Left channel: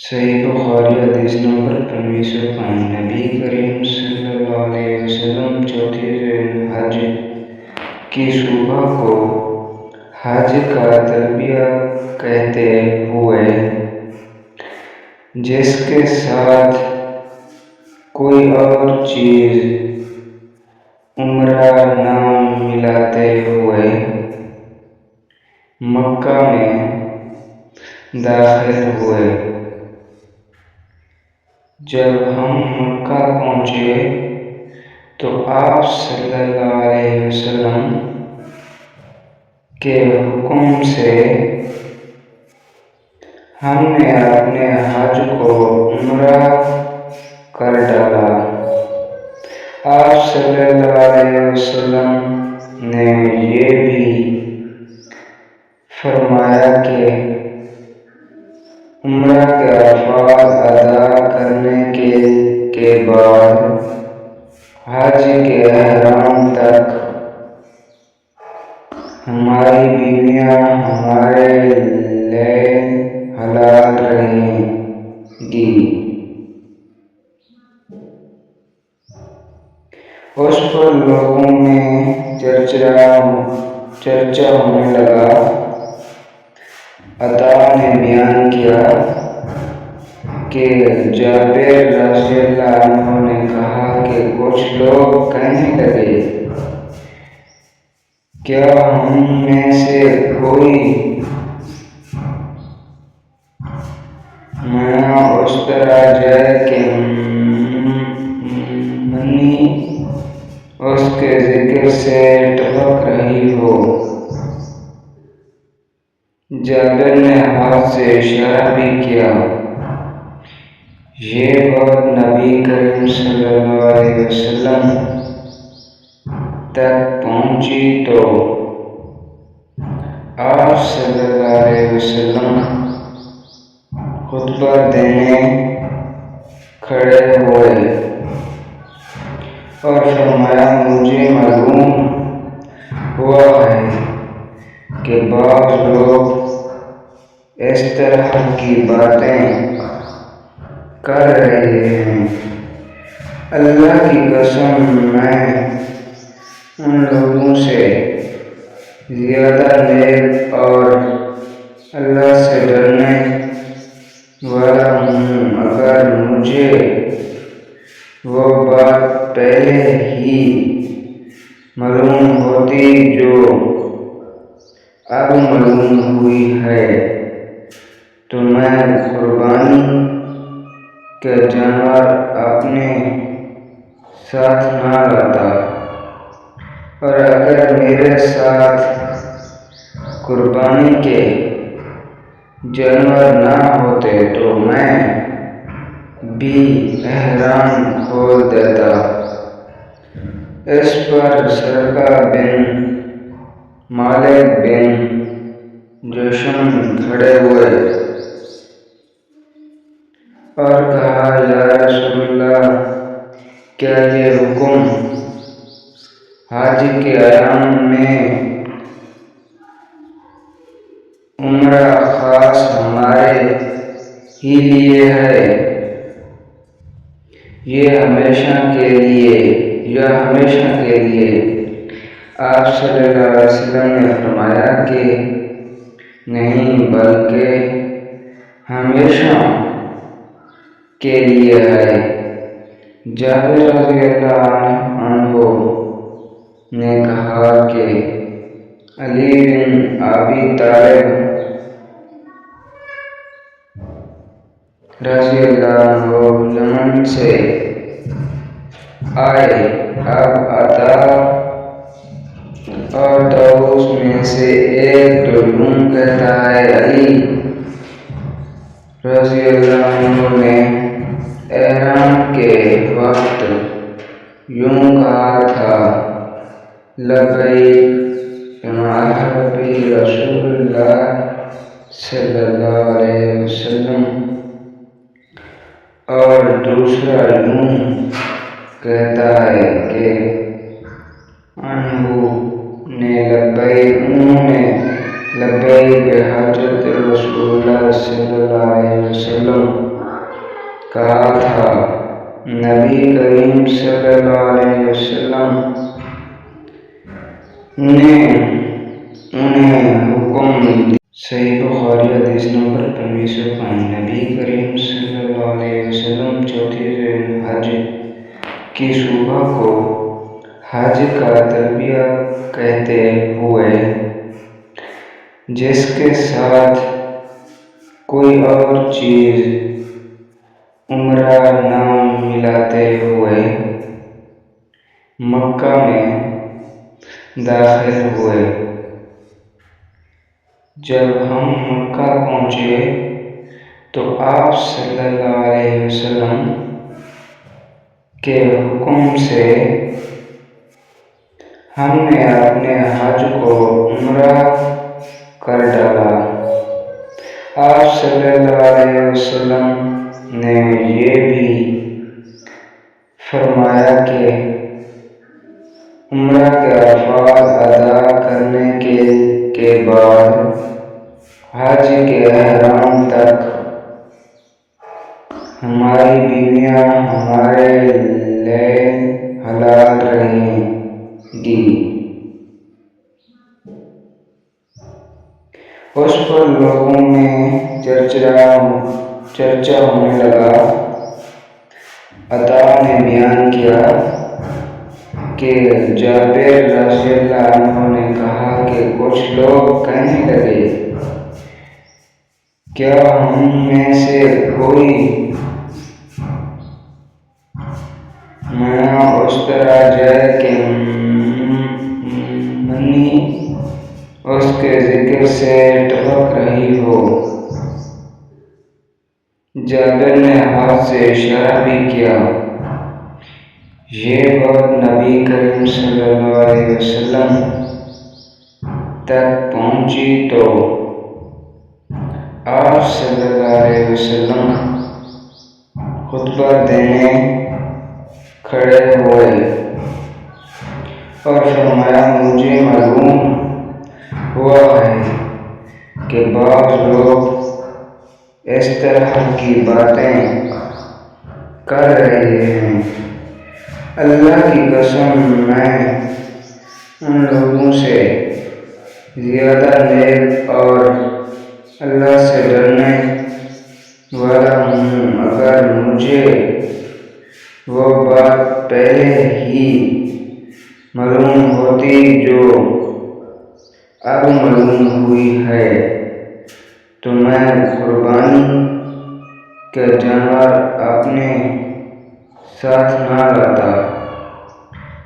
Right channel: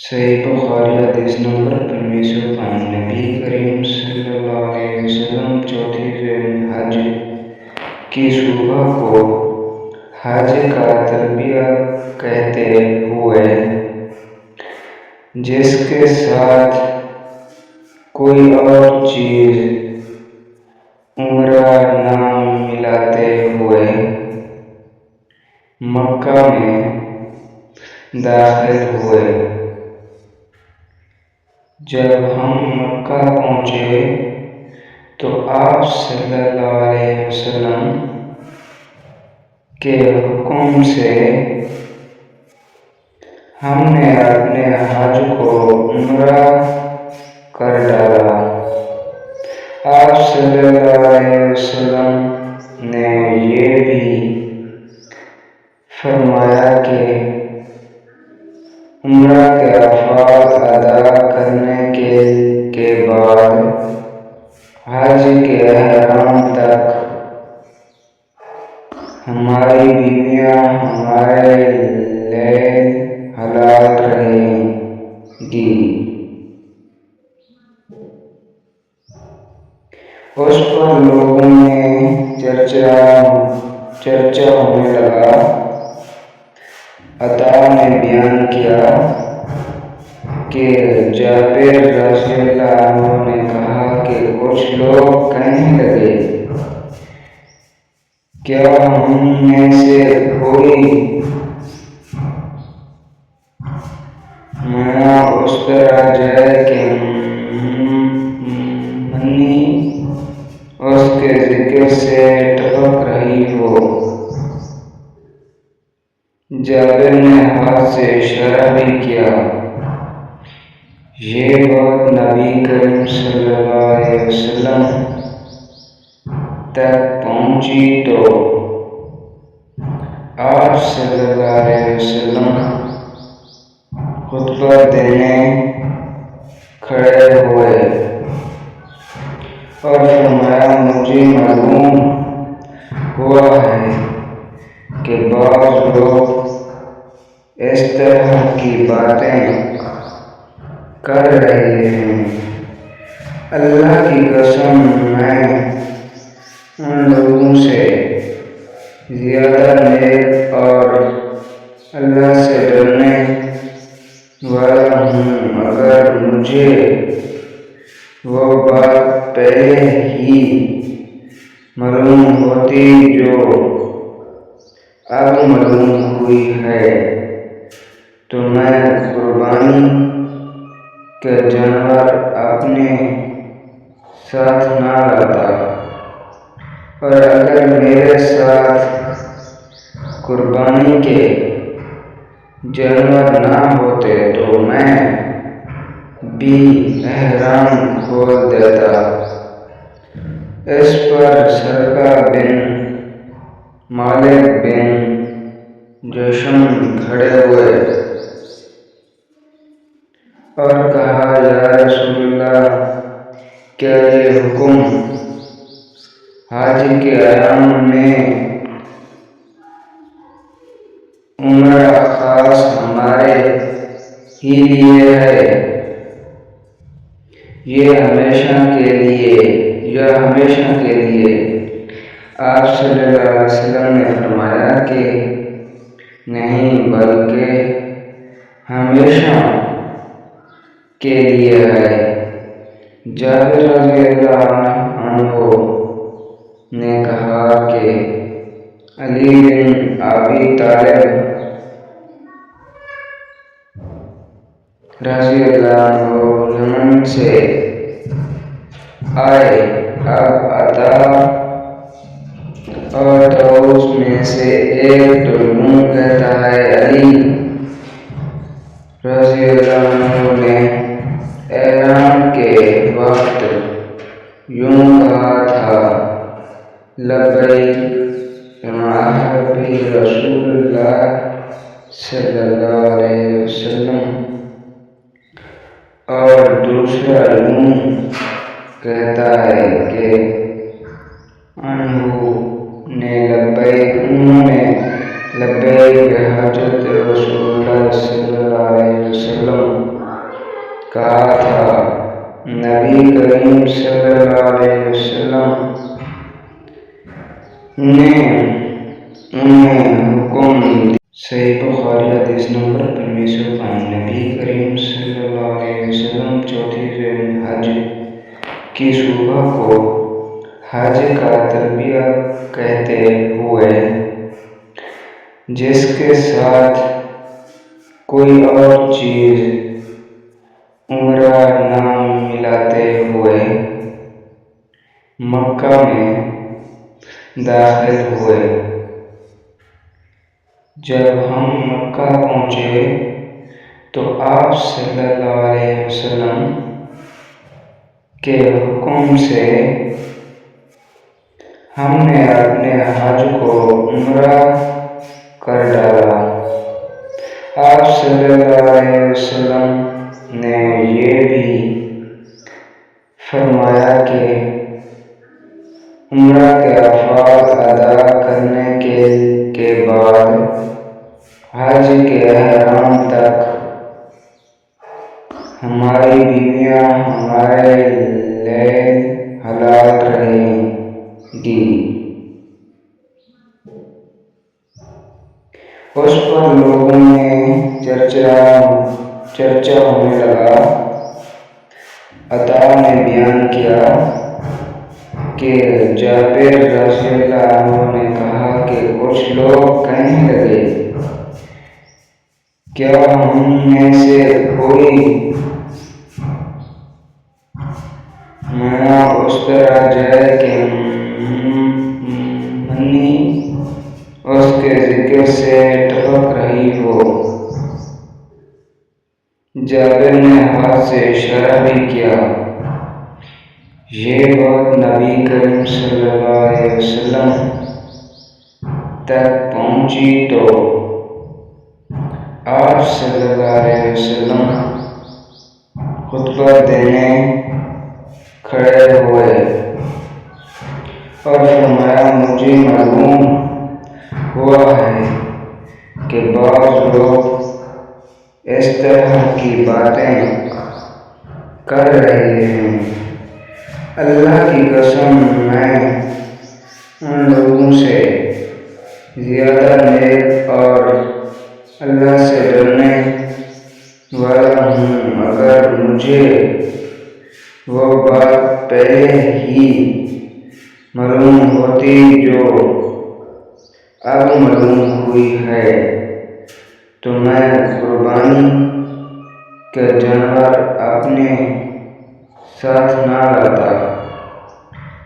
صحیح بخاری حدیث نمبر 2505 نبی کریم صلی اللہ علیہ وسلم چوتھی ذی الحج کی صبح کو حج کا تلبیہ کہتے ہوئے جس کے ساتھ کوئی اور چیز عمرہ نام ملاتے ہوئے مکہ میں داخل ہوئے۔ جب ہم مکہ پہنچے تو آپ صلی اللہ علیہ وسلم کے حکم سے ہم نے اپنے حج کو عمرہ کر ڈالا۔ آپ صلی اللہ علیہ وسلم نے یہ بھی فرمایا کہ عمرہ کے افعال ادا کرنے کے بعد حج کے احرام تک ہماری بیویاں ہمارے لیے حلال رہیں گی۔ اس پر لوگوں میں چرچا ہونے لگا۔ عطا نے بیان کیا کہ جابر رضی اللہ عنہ نے کہا کہ کچھ لوگ کہنے لگے، کیا ہم میں سے کوئی میاں اس طرح جائے کہ منی اس کے ذکر سے ٹپک رہی ہو؟ جابر نے ہاتھ سے اشارہ بھی کیا۔ یہ بات نبی کریم صلی اللہ علیہ وسلم تک پہنچی تو آپ صلی اللہ علیہ وسلم خطبہ دینے کھڑے ہوئے اور فرمایا، مجھے معلوم ہوا ہے کہ بعض لوگ اس طرح کی باتیں کر رہے ہیں۔ اللہ کی قسم، میں ان لوگوں سے زیادہ نیک اور اللہ سے ڈرنے والا ہوں۔ اگر مجھے وہ بات پہلے ہی معلوم ہوتی جو اب معلوم ہوئی ہے تو میں قربانی کا جانور اپنے ساتھ نہ لاتا، اور اگر میرے ساتھ قربانی کے جانور نہ ہوتے تو میں بھی احرام کھول دیتا۔ اس پر سرقہ بن مالک بن جشم کھڑے ہوئے اور کہا، یا رسول اللہ، کیا یہ حکم حج کے ایام میں عمرہ خاص ہمارے ہی لیے ہے یا ہمیشہ کے لیے؟ آپ صلی اللہ علیہ وسلم نے فرمایا کہ نہیں، بلکہ ہمیشہ کے لیے ہے۔ جابر رضی اللہ عنہ نے کہا کہ علی بن ابی طالب رضی اللہ عنہ یمن سے آئے۔ اب عطا اور طاؤس میں سے ایک تو یوں کہتا ہے، علی رضی اللہ عنہ نے احرام کے وقت یوں کہا تھا، لبیک بما احل بہ رسول اللہ صلی اللہ علیہ وسلم، اور دوسرا یوں کہتا ہے کہ انہوں نے لبیک بحجۃ رسول اللہ صلی اللہ علیہ وسلم کہا تھا نبی کریم صلی اللہ علیہ وسلم نے انہیں حکم دیا۔ صحیح بخاری حدیث نمبر 2505۔ نبی کریم صلی اللہ علیہ وسلم چوتھی ذی الحج کی صبح کو حج کا تلبیہ کہتے ہوئے جس کے ساتھ کوئی اور چیز عمرہ نام ملاتے ہوئے مکہ میں داخل ہوئے۔ جب ہم مکہ پہنچے تو آپ صلی اللہ علیہ وسلم کے حکم سے ہم نے اپنے حج کو عمرہ کر ڈالا۔ آپ صلی اللہ علیہ وسلم نے یہ بھی فرمایا کہ عمرہ کے افعال ادا کرنے کے بعد حج کے احرام تک ہماری بیویاں ہمارے لیے حلال رہیں گی۔ اس پر لوگوں میں چرچا ہونے لگا۔ عطا نے بیان کیا کہ جابر رضی اللہ عنہ نے کہا کہ کچھ لوگ کہنے لگے کیا ہم میں سے کوئی منا اس طرح جائے کہ منی اس کے ذکر سے ٹپک رہی ہو۔ جابر نے ہاتھ سے اشارہ بھی کیا۔ یہ بات نبی کریم صلی اللہ علیہ وسلم تک پہنچی تو آپ صلی اللہ علیہ وسلم خطبہ دینے کھڑے ہوئے اور فرمایا مجھے معلوم ہوا ہے کہ بعض لوگ اس طرح کی باتیں کر رہے ہیں۔ اللہ کی قسم میں ان لوگوں سے زیادہ نیک اور اللہ سے ڈرنے والا ہوں۔ اگر مجھے وہ بات پہلے ہی معلوم ہوتی جو اب معلوم ہوئی ہے تو میں قربانی کا جانور اپنے ساتھ نہ لاتا،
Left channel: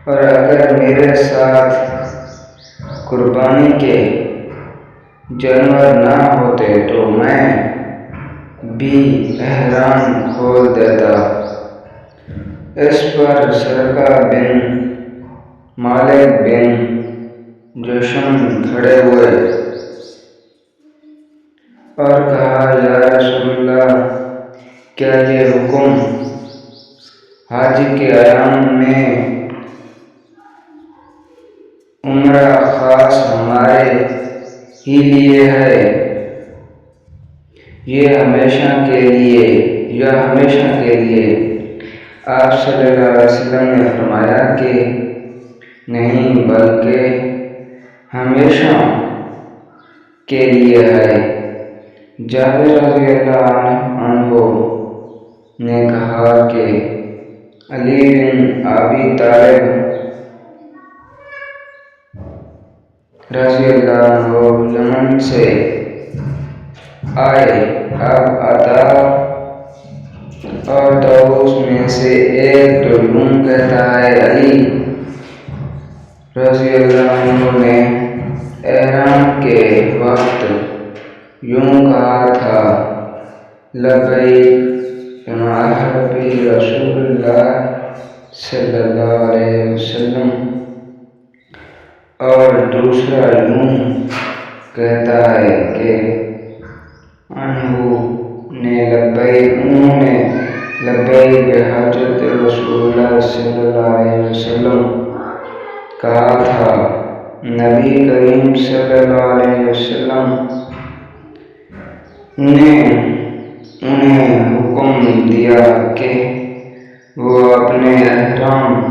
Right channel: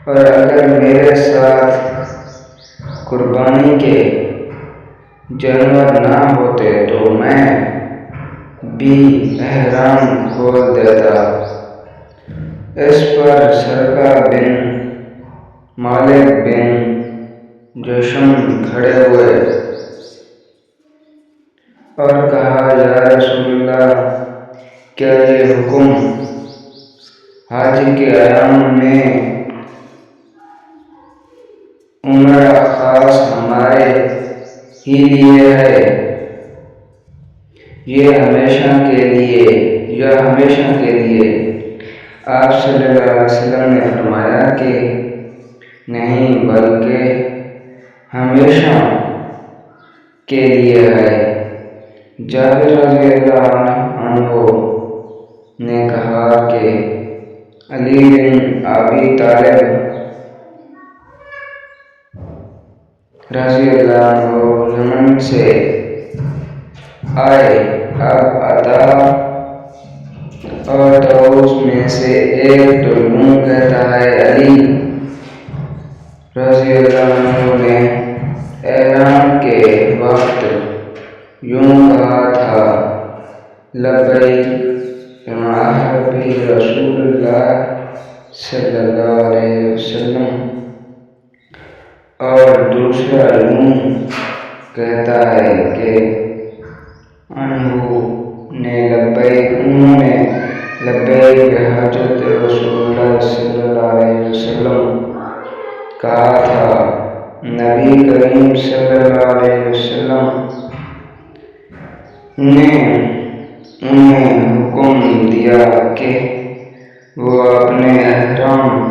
اور اگر میرے ساتھ قربانی کے جانور نہ ہوتے تو میں بھی احرام کھول دیتا۔ اس پر سرقہ بن مالک بن جشم کھڑے ہوئے اور کہا یا رسول اللہ کیا یہ حکم حج کے ایام میں عمرہ خاص ہمارے ہی لیے ہے یہ ہمیشہ کے لیے یا ہمیشہ کے لیے؟ آپ صلی اللہ علیہ وسلم نے فرمایا کہ نہیں بلکہ ہمیشہ کے لیے ہے۔ جابر رضی اللہ عنہ نے کہا کہ علی بن ابی طالب رضی اللہ عنہ یمن سے آئے۔ اب عطا اور طاؤس میں سے ایک تو یوں کہتا ہے علی رضی اللہ عنہ نے احرام کے وقت یوں کہا تھا لبیک بما احل بہ رسول اللہ صلی اللہ علیہ وسلم، اور دوسرا یوں کہتا ہے کہ انہوں نے لبیک بحجۃ رسول اللہ صلی اللہ علیہ وسلم کہا تھا۔ نبی کریم صلی اللہ علیہ وسلم نے انہیں حکم دیا کہ وہ اپنے احرام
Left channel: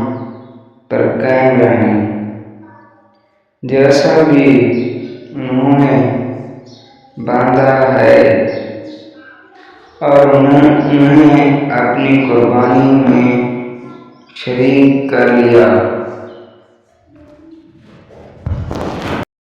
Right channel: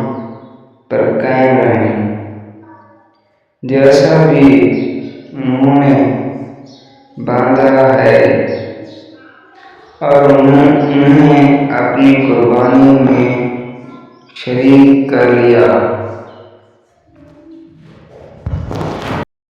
پر قائم رہیں، جیسا بھی انہوں نے باندھا ہے، اور انہیں اپنی قربانی میں شریک کر لیا۔